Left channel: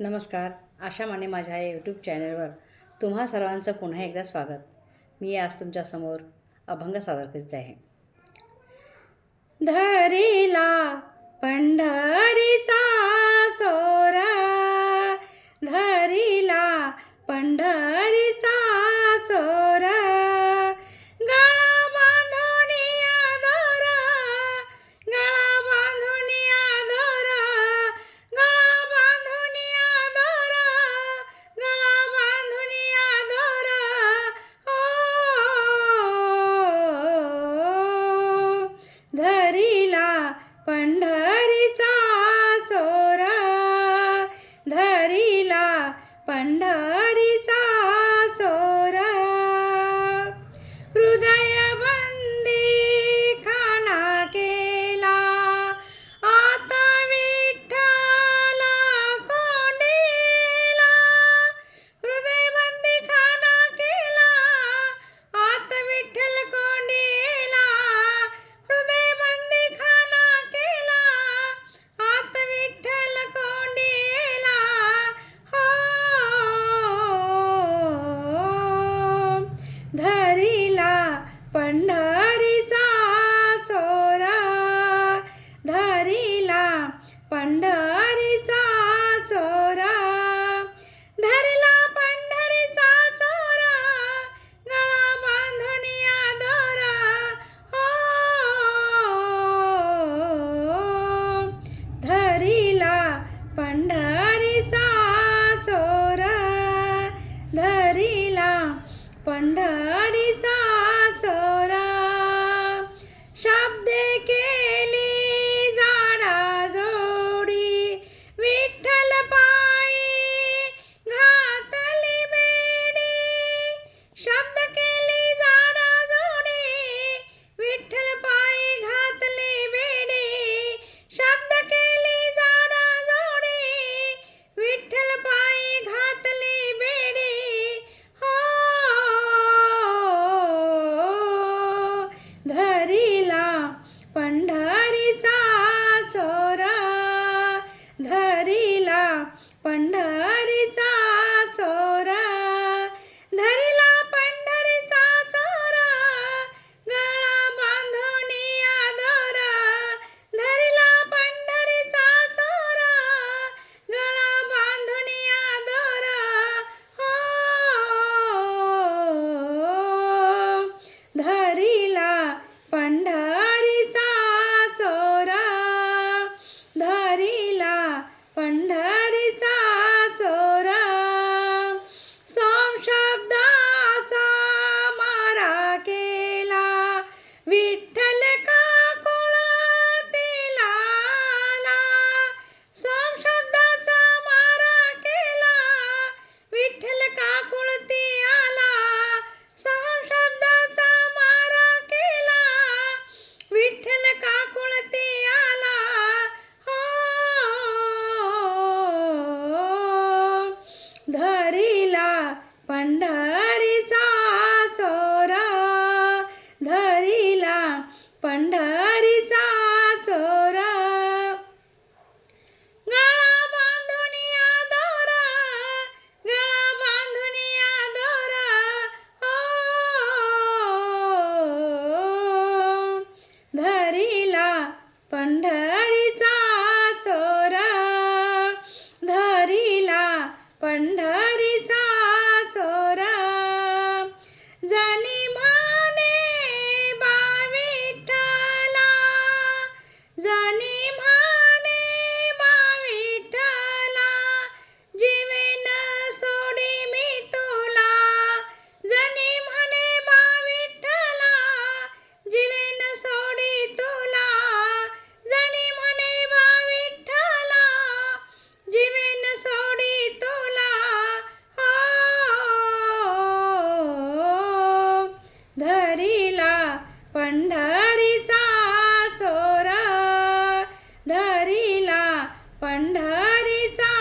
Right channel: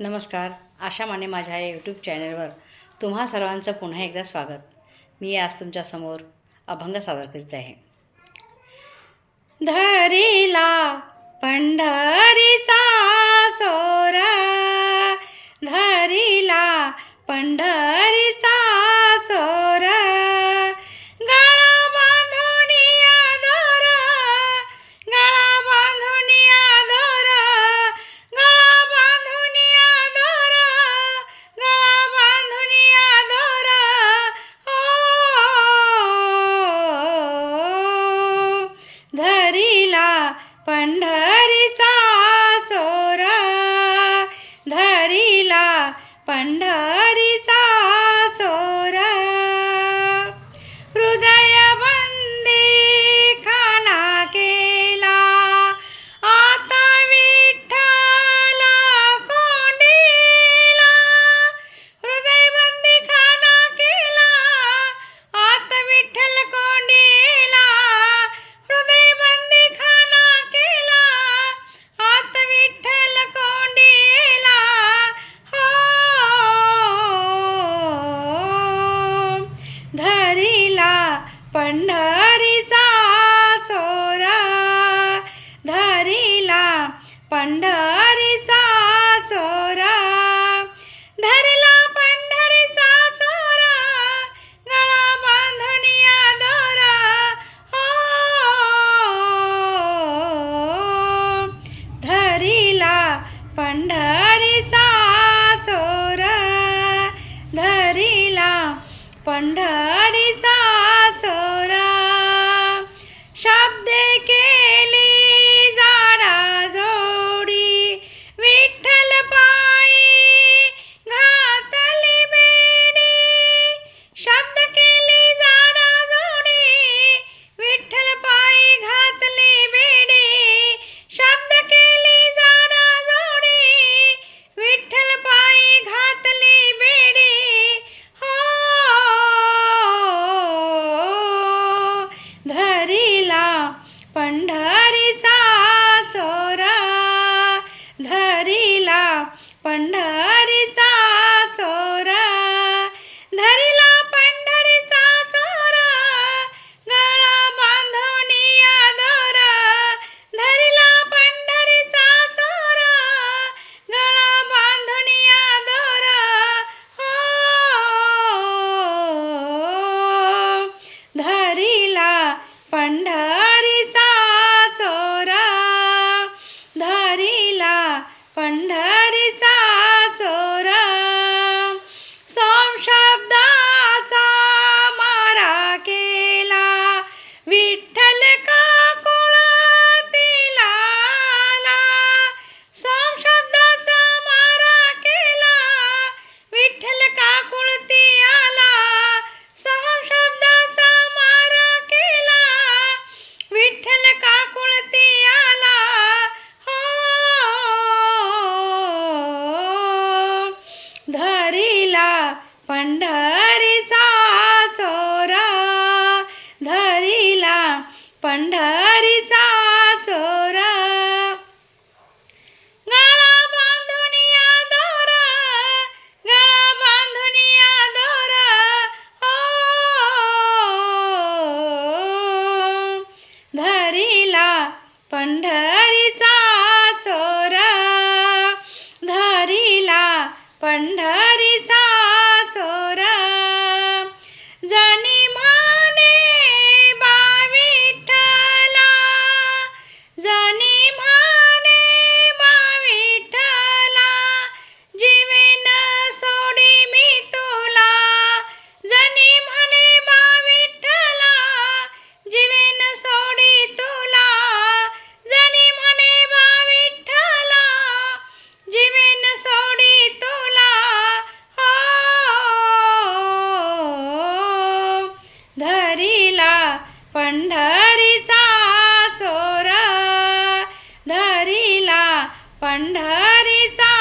नमस्कार आशा माने माझ्या या यूट्यूब चॅनलवर तुम्हा सर्वांचं पुन्हा एकदा स्वागत. मी आज तुमच्यासमोर अभंग सादर करीत आहे. धरीला पंढर धरिला पंढरीचा पंढरीचा चोरा धरीला पंढ पंढरीचा चोरा पंढरीचा चोरा धरिला पंढरीचा चोरा गळा बांधून या दोरा पंढरीचा चोरा गळा बांधून या दोरा हो ঠান্ডা पंढरीचा